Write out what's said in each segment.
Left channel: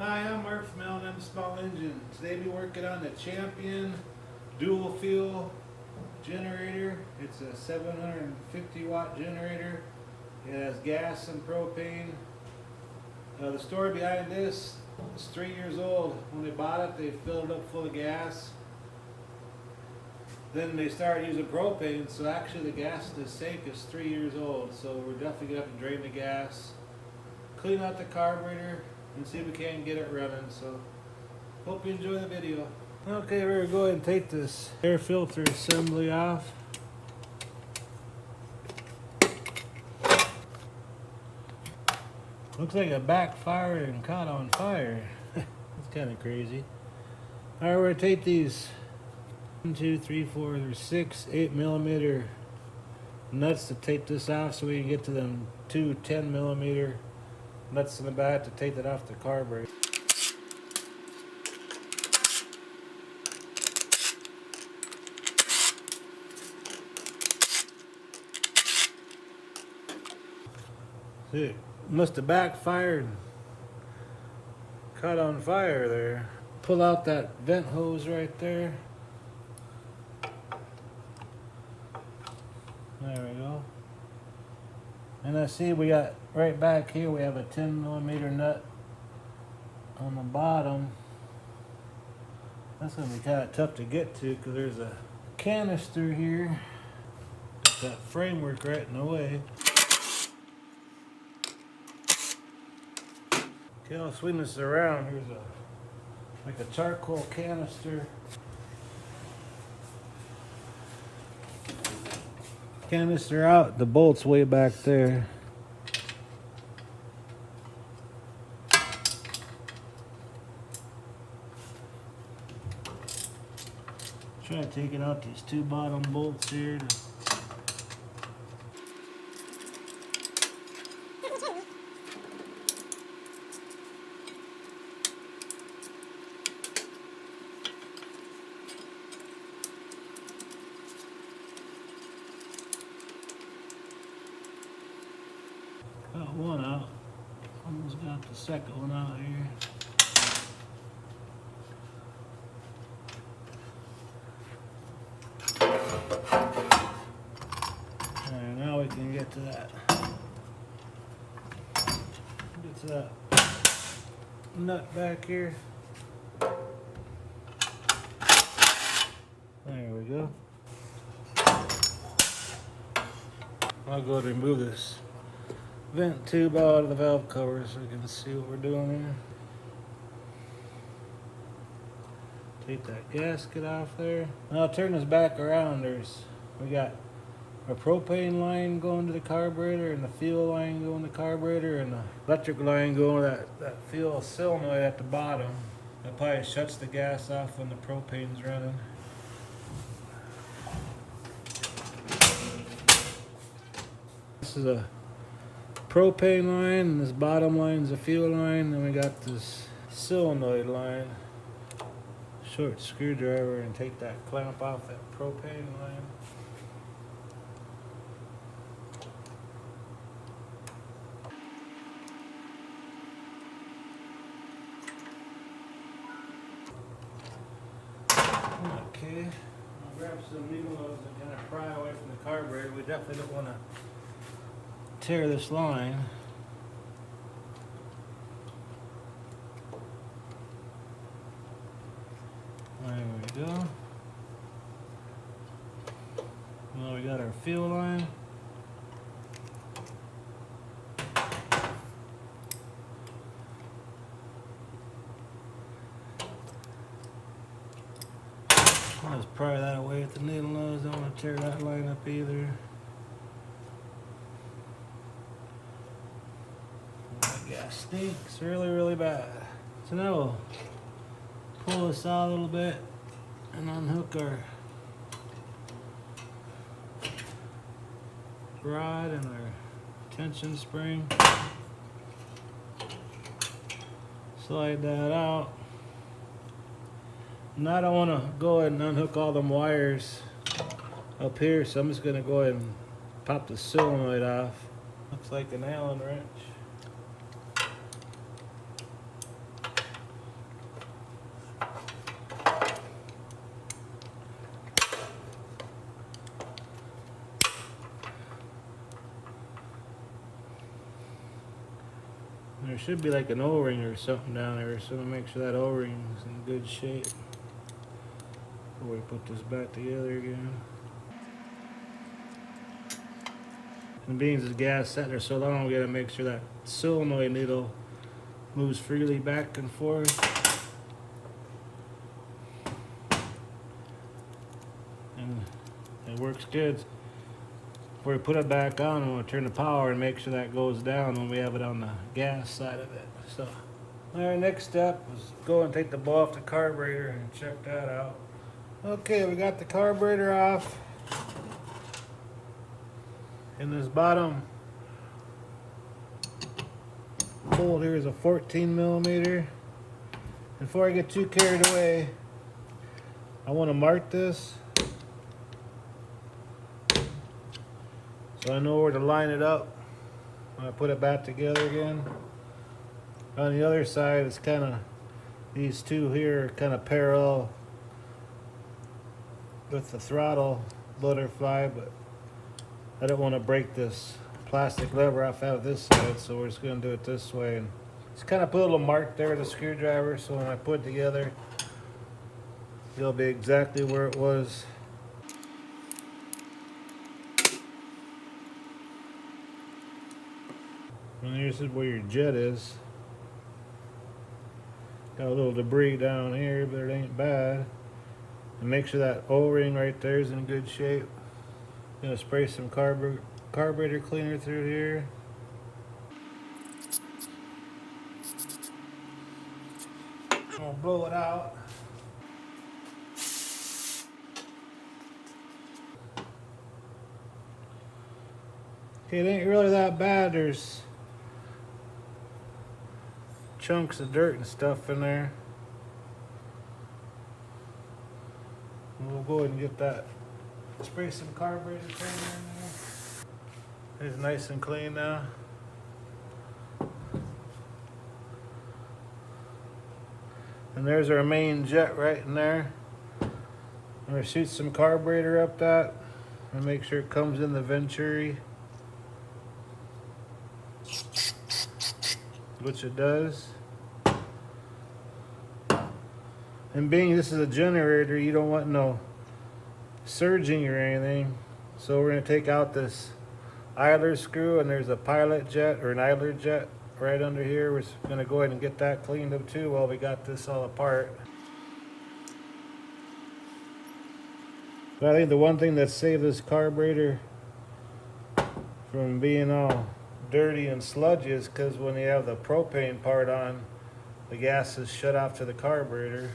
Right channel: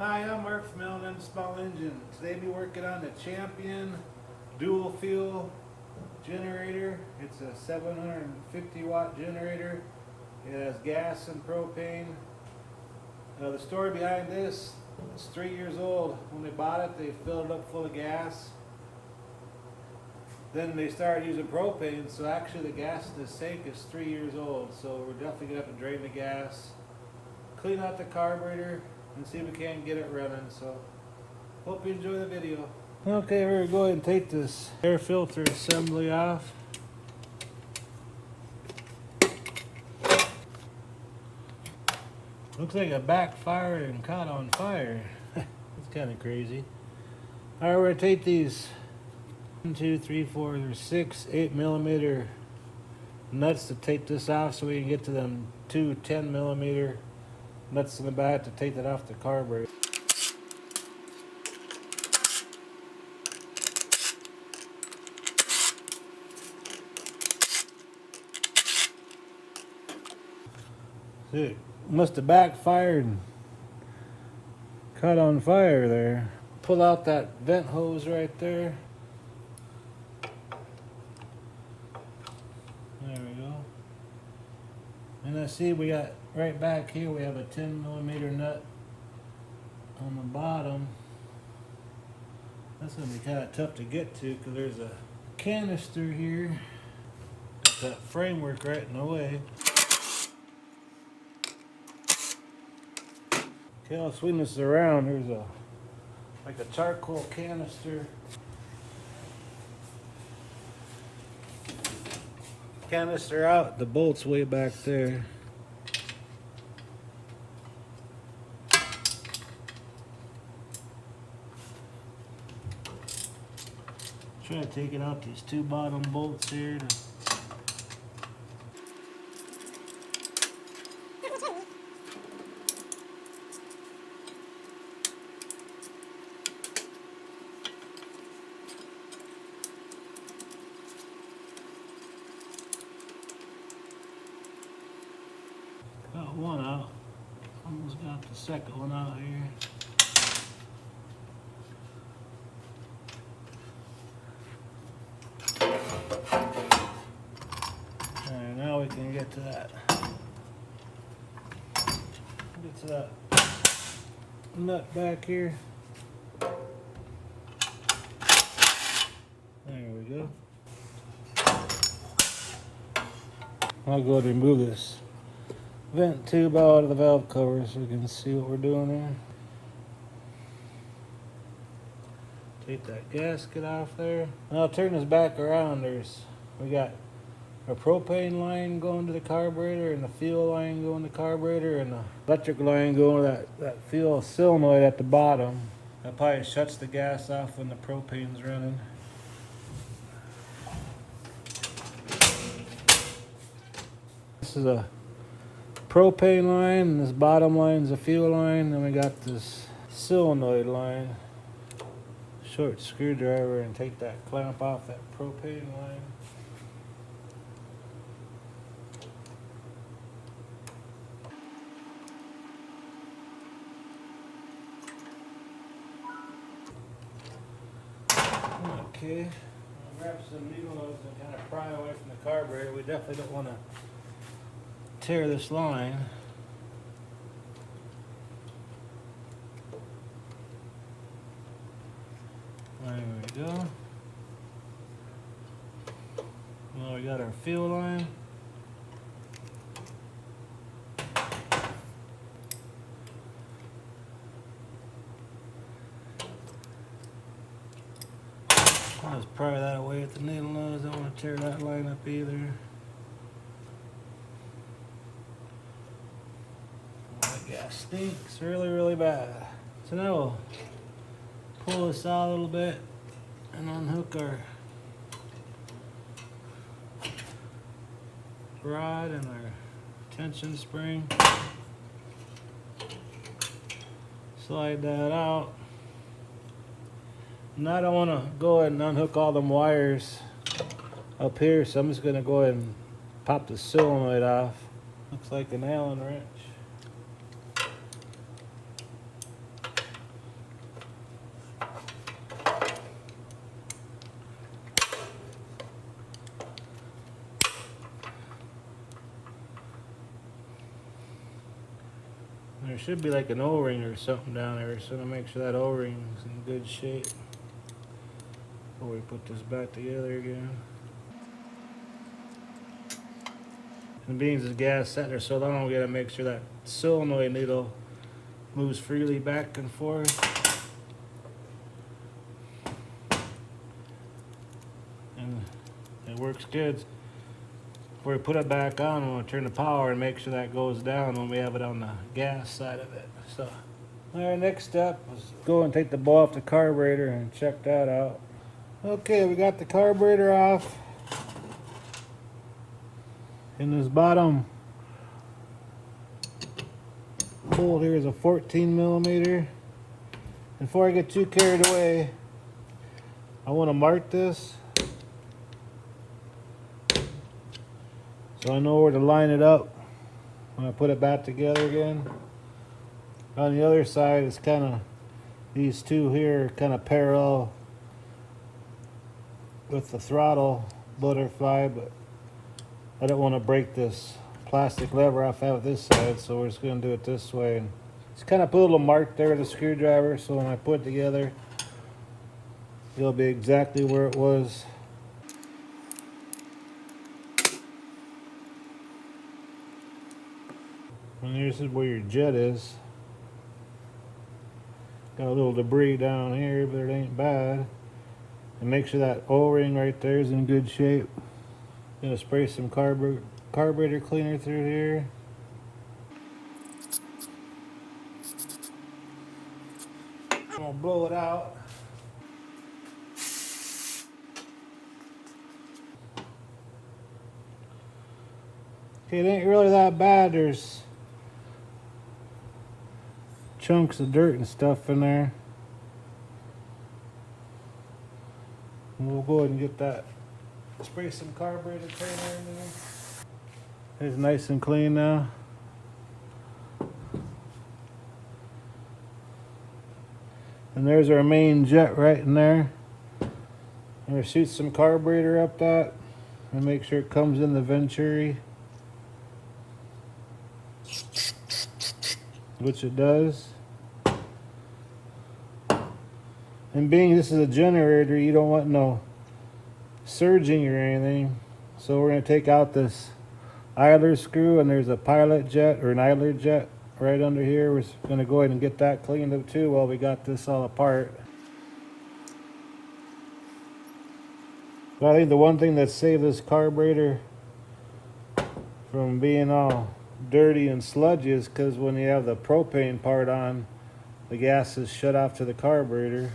Hi, I'm Mark from L&M Small Engine. Today we'll be working on the Champion dual fuel generator. It's a 750 watt generator. It has gas and propane. The story behind this is 3 years old. When they bought it, they filled it up full of gas. Then they started using propane, so actually the gas in the sink is 3 years old. So we're definitely going to have to drain the gas, clean out the carburetor, and see if we can get it running. So hope you enjoy the video. Okay, we're going to go ahead and take this air filter assembly off. Looks like it backfired and caught on fire. It's kind of crazy. Alright, we're going to take these 1, 2, 3, 4, there's 6 8mm nuts to take this off so we can get to them 2 10mm nuts in the back to take that off the carburetor. See, it must have backfired and caught on fire there. Pull out that vent hose right there. There we go. And I see we got right back here, we have a 10mm nut on the bottom. That's going to be kind of tough to get to because there's a canister here. Got that framework right in the way. Okay, I'll swing this around. There's like a charcoal canister. Canister out, the bolt's way back there. Try to take it out these 2 bottom bolts here. Got one out. Almost got the second one out here. Alright, now we can get to that. Get to that nut back here. There we go. I'll go ahead and remove this vent tube out of the valve cover so we can see what we're doing here. Take that gasket off there. Now I'll turn this back around. We got a propane line going to the carburetor and the fuel line going to the carburetor and the electric line going to that fuel solenoid at the bottom. That probably shuts the gas off when the propane's running. This is a propane line, and this bottom line is a fuel line. Then we got this solenoid line. Short screwdriver and take that clamp off that propane line. Okay, I'll grab some needle nose and kind of pry away from the carburetor. We definitely don't want to tear this line. There we go. Well, we got our fuel line. Let's pry that away with the needle nose. Don't want to tear that line up either. That gas stinks really bad. So now we'll pull this out a little bit and unhook our rod and our tension spring. Slide that out. And I don't want to go ahead and unhook all them wires up here, so I'm just going to go ahead and pop the solenoid off. Looks like an Allen wrench. should be like an O-ring or something down there, so to make sure that O-ring is in good shape before we put this back together again. And being this gas sat there so long, we gotta make sure that solenoid needle moves freely back and forth. And it works good. Before we put it back on, I'm gonna turn the power and make sure that goes down when we have it on the gas side of it. So, our next step is go and take the bowl off the carburetor and check that out. Okay, we got the carburetor off. In this bottom hole here is a 14 millimeter. Before I get too carried away, I want to mark this so I know where to line it up when I put it back together again. On the other side, it's kind of, these two here are kind of parallel with the throttle butterfly, but I don't want to break this plastic lever off out of this side, so we're just going to do it this way. And just kind of put a little mark there with the screwdriver, so when I put it together, it'll be exactly where it was. And this is where your jet is. Got a little debris down here, but it ain't bad. And make sure that O-ring right there is in good shape. Gonna spray some carburetor cleaner through here. Gonna blow it out. Okay, it ain't really that bad. There's chunks of dirt and stuff in there. And we'll go ahead and get that. Spray some carburetor cleaner in there. It's nice and clean now. And there's our main jet right in there. I'm gonna shoot some carburetor up that and make sure it comes in the venturi, which it does. And being this is a generator, you don't want no surging or anything, so we're going to take out this idler screw, and there's a pilot jet or an idler jet right under here. We're going to go ahead and get that cleaned up too while we got this all apart. But I think the one thing that saved this carburetor from being all dirty and sludgy is because when you have the propane part on, the gas is shut off to the carburetor.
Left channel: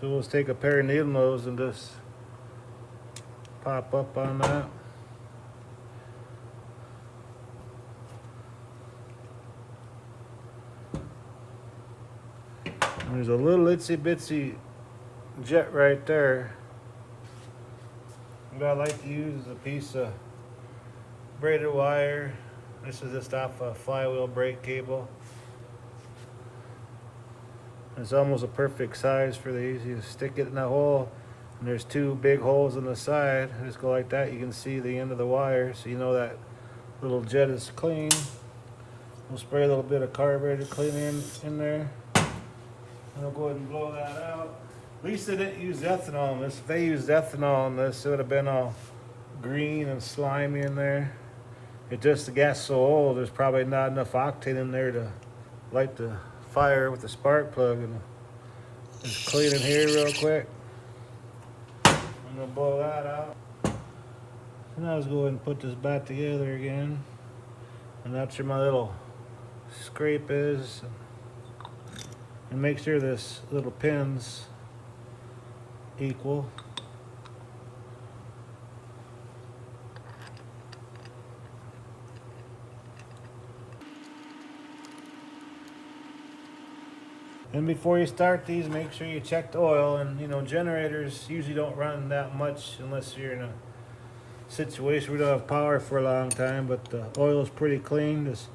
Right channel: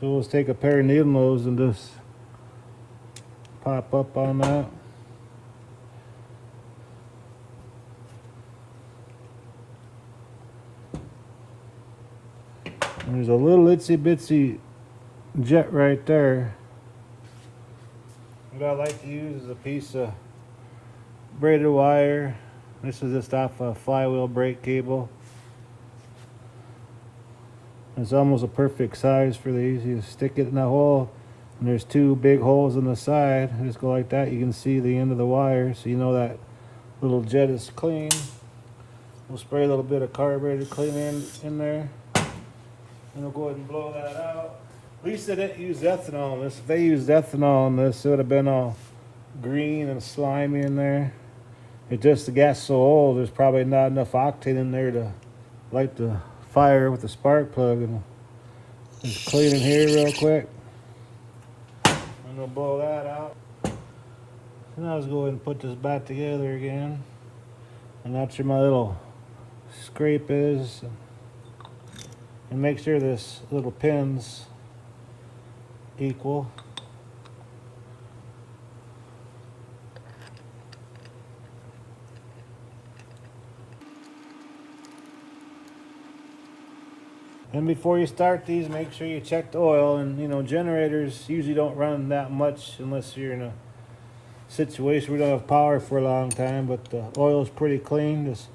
So let's take a pair of needle nose and just pop up on that. And there's a little itsy bitsy jet right there. What I like to use is a piece of braided wire. This is just off a flywheel brake cable. It's almost a perfect size for these. You stick it in the hole, and there's two big holes in the side. Just go like that. You can see the end of the wire, so you know that little jet is clean. We'll spray a little bit of carburetor cleaner in there. And we'll go ahead and blow that out. At least they didn't use ethanol on this. If they used ethanol on this, it would have been all green and slimy in there. It just, the gas is so old, there's probably not enough octane in there to light the fire with the spark plug. And just clean it here real quick. I'm gonna blow that out. So now let's go ahead and put this back together again. And that's where my little scrape is. And make sure this little pin's equal. And before you start these, make sure you check the oil. And you know, generators usually don't run that much unless you're in a situation where you don't have power for a long time, but the oil is pretty clean. Just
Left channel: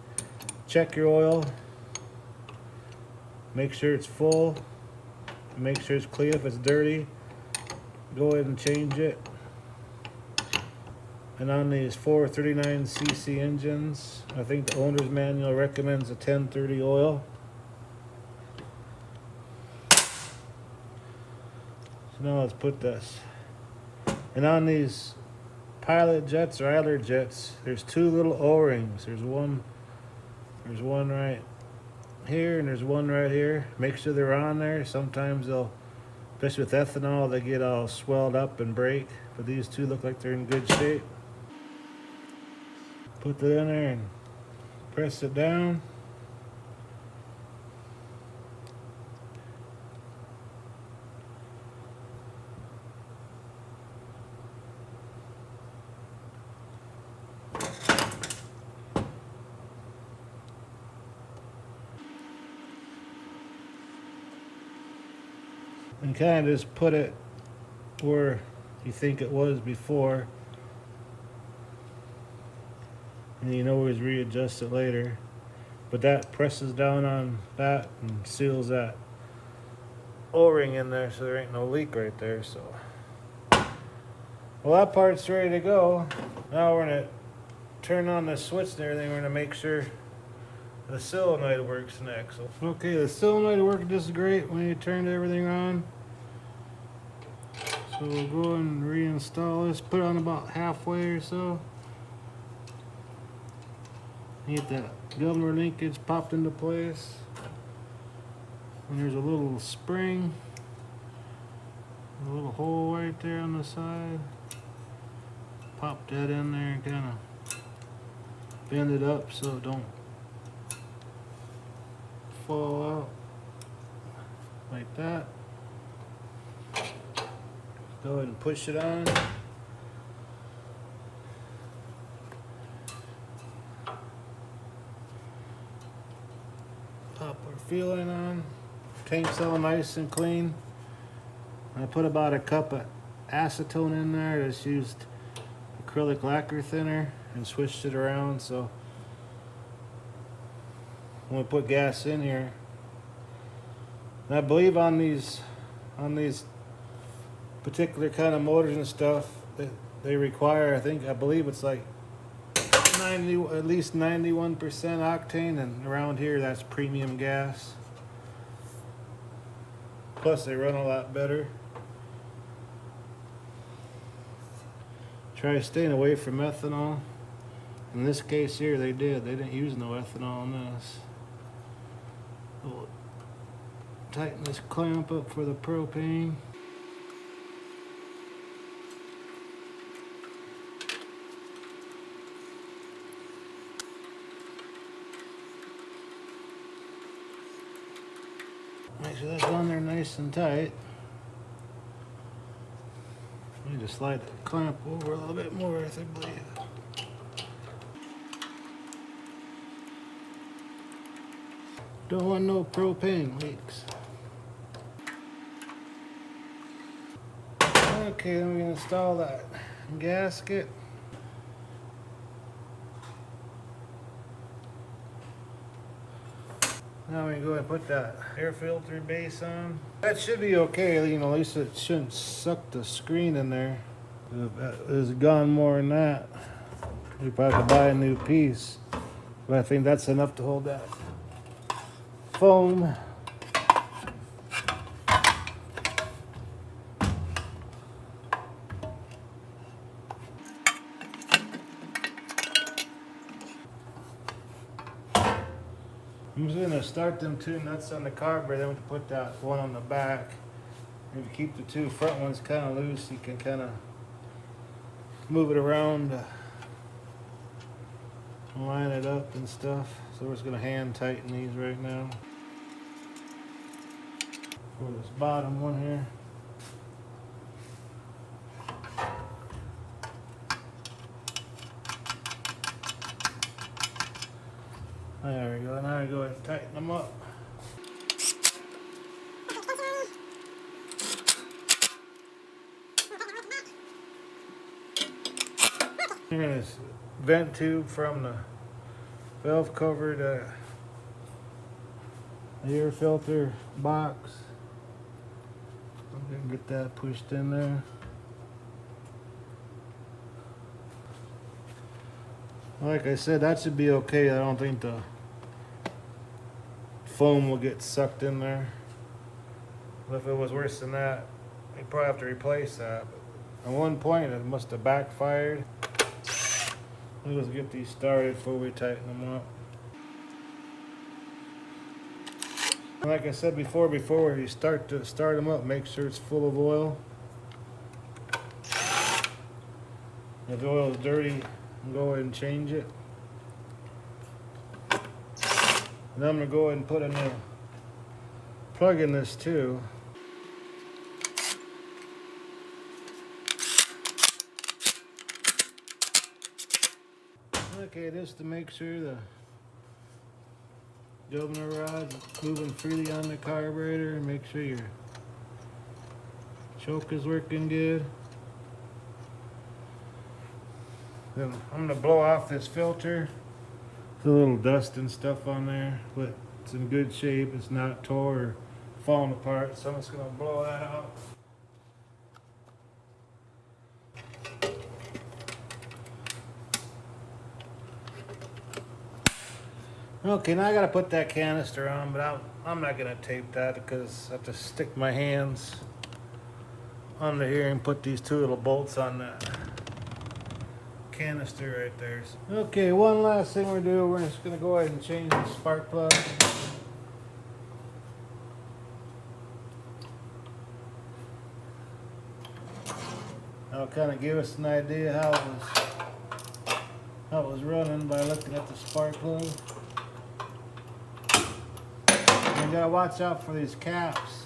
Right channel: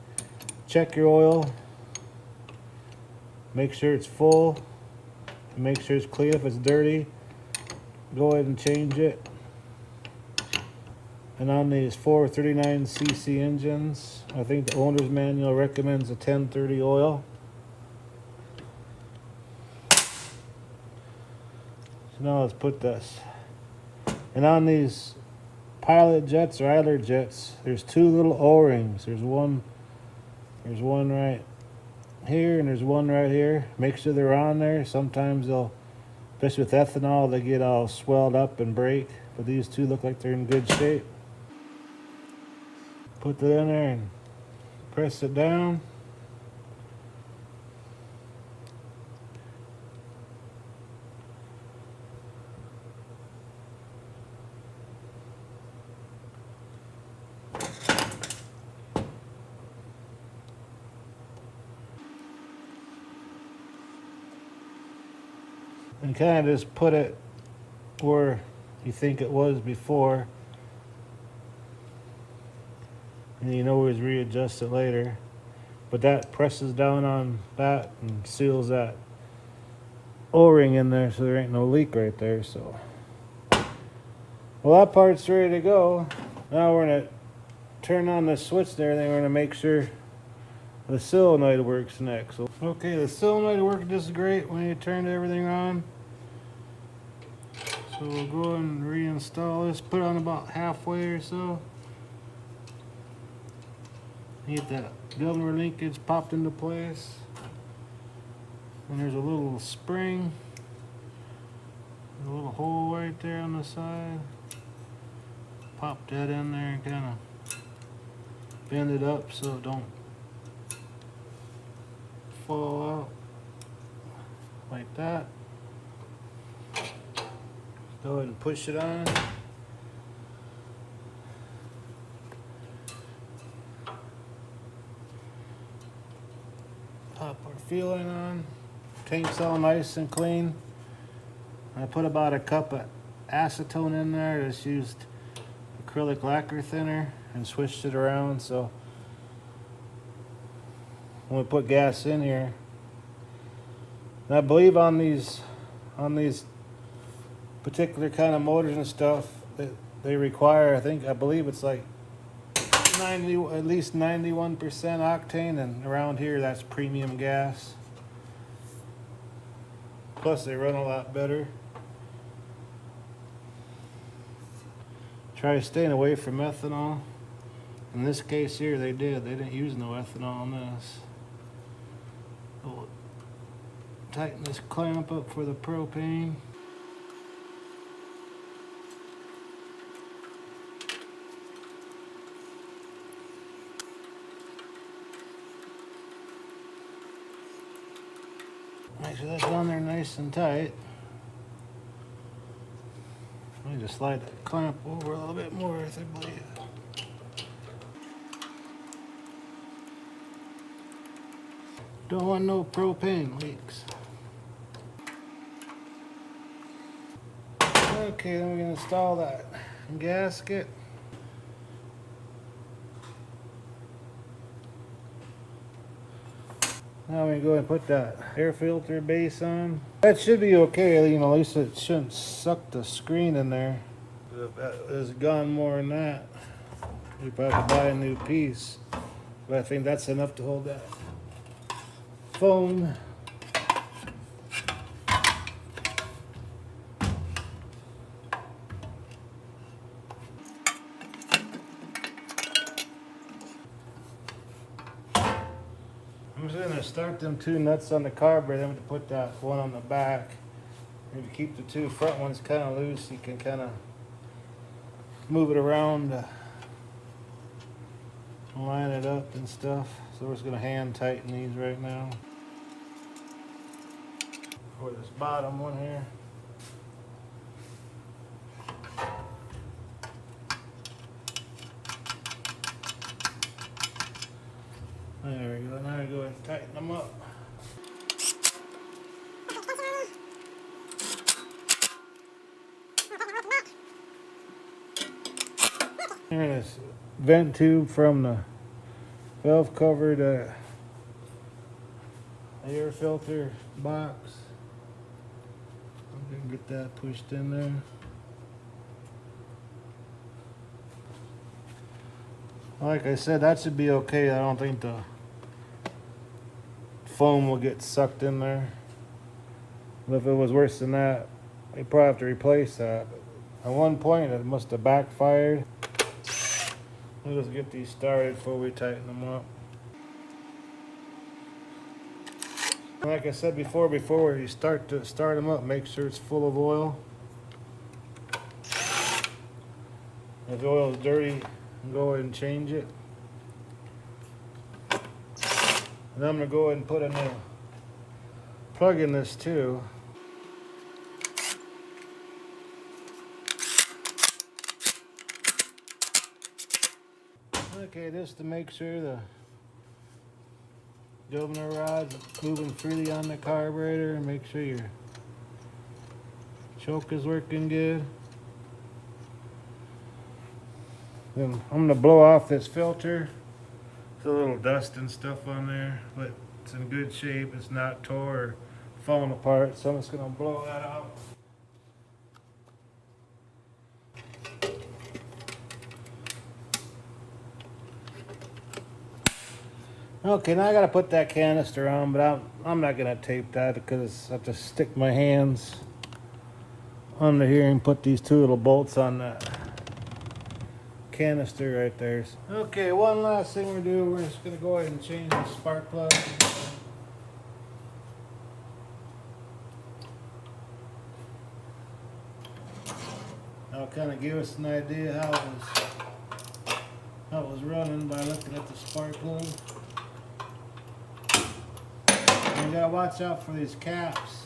check your oil, make sure it's full, and make sure it's clean. If it's dirty, go ahead and change it. And on these 439cc engines, I think the owner's manual recommends a 1030 oil. So now let's put this. And on these pilot jets or idler jets, there's two little O-rings. There's one right here and there's one right here. Make sure they're on there. Sometimes they'll, especially with ethanol, they get all swelled up and break. But these two look like they're in good shape. Put that in there and press it down. And kind of just put it where you think it was before. And you can always readjust it later. But that presses down on that and seals that O-ring in there so there ain't no leak right there. So, well, that part's ready to go. Now we're gonna turn on the switch there, and then we're gonna make sure the solenoid works next. So, okay, the solenoid worked just great when you turned everything on. So we'll go and reinstall this, put it on about halfway or so. Get that governor linkage popped into place. And there's a little spring, a little hole right there on the side. Pop that in there and kind of bend it up so it don't fall out like that. Go ahead and push it on. Pop our fueling on. Tank's all nice and clean. I put about a cup of acetone in there. Just used acrylic lacquer thinner and switched it around so when we put gas in here. And I believe on these particular kind of motors and stuff that they require, I believe it's like 90, at least 91% octane, and around here that's premium gas. Plus they run a lot better. Try staying away from ethanol. In this case here they didn't use no ethanol on this. We'll tighten this clamp up for the propane. Make sure that's on there nice and tight. Let me just slide the clamp over a little bit more, I believe. Don't want no propane leaks. Okay, then we're gonna install that gasket. Now we go and put that air filter base on. That should be okay, you know, at least it shouldn't suck the screen in there. If it's gone more than that, we probably have to buy a new piece. But I think that's enough to hold that foam. I'm just gonna start them two nuts on the carburetor, then we can put that one on the back. Maybe keep the two front ones kind of loose. You can kind of move it around, line it up and stuff. So we're just gonna hand tighten these right now. For this bottom one here. There we go. Now we go ahead and tighten them up. Here's a vent tube from the valve cover to the air filter box. I'm gonna get that pushed in there. Like I said, that should be okay. I don't think the foam will get sucked in there. But if it was worse than that, we probably have to replace that. At one point, it must have backfired. Let's get these started before we tighten them up. Like I said before you start them up, make sure it's full of oil. If the oil is dirty, go ahead and change it. And I'm gonna go ahead and put a new plug in this too. Okay, just to make sure the governor rod's moving freely on the carburetor, and make sure your choke is working good. Then I'm gonna blow off this filter. There's a little dust and stuff on there, but it's in good shape. It's not tore or falling apart, so I'm just gonna blow that out. Okay, now I gotta put that canister on, but I'm not gonna tape that because I have to stick my hands under here and put these two little bolts on that canister right there. Okay, one last thing we're doing, we're just gonna go ahead and change the spark plug. That'll kind of give us an idea how it was running by looking at the spark plug. You gotta watch out for these caps,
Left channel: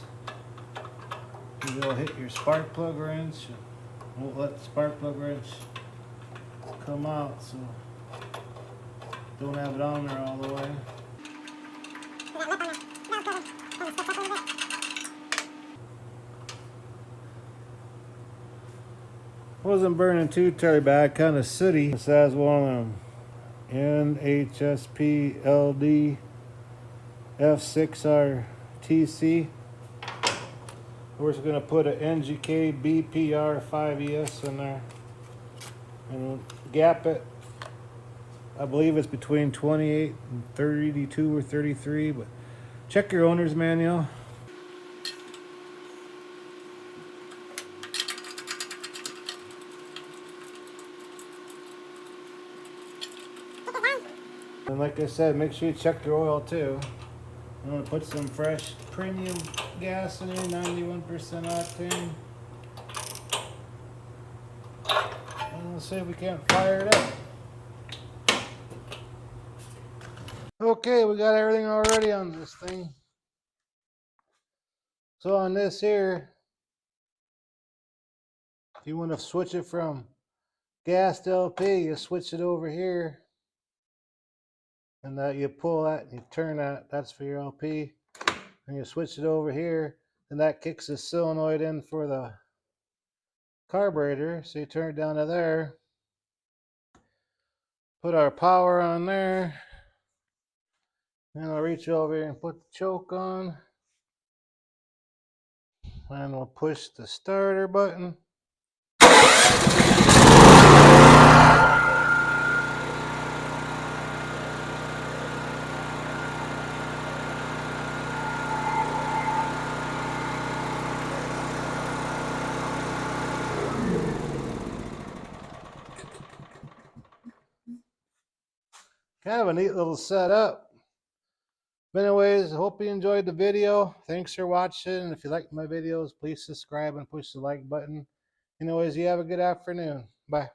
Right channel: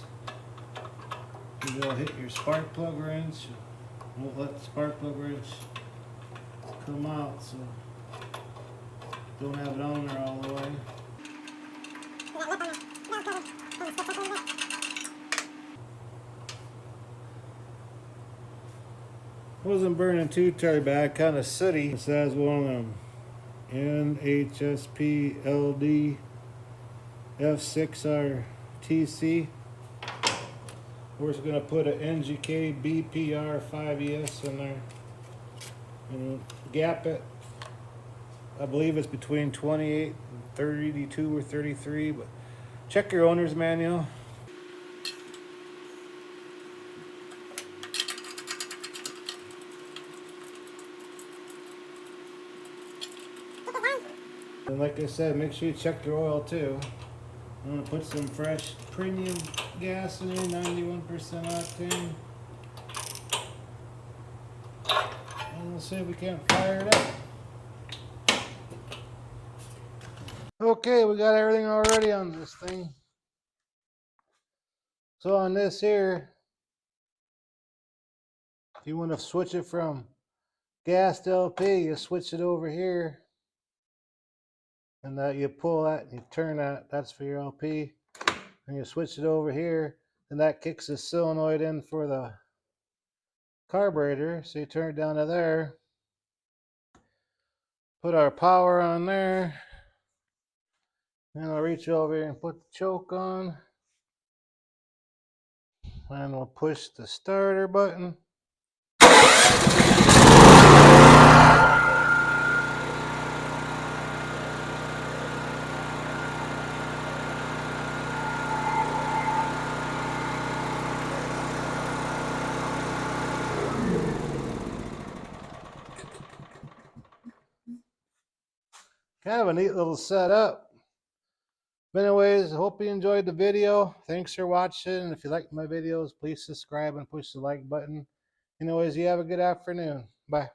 because they'll hit your spark plug wrench. Won't let the spark plug wrench come out, so don't have it on there all the way. Wasn't burning too terribly bad, kind of sooty. This has one of them NHSP LD F6RTC. We're just going to put an NGK BPR 5ES in there and gap it. I believe it's between 28 and 32 or 33, but check your owner's manual. And like I said, make sure you check your oil too. I'm going to put some fresh premium gas in here, 91% octane. And we'll see if we can't fire it up. Okay, we got everything already on this thing. So on this here, if you want to switch it from gas to LP, you switch it over here. And that you pull that and you turn that, that's for your LP. And you switch it over here, and that kicks the solenoid in for the carburetor. So you turn it down to there, put our power on there, and I'll reach over here and put the choke on, and we'll push the starter button. Kind of a neat little setup. But anyways, I hope you enjoyed the video. Thanks for watching. If you like my videos, please subscribe and push the like button. Anyways, you have a good afternoon. Bye.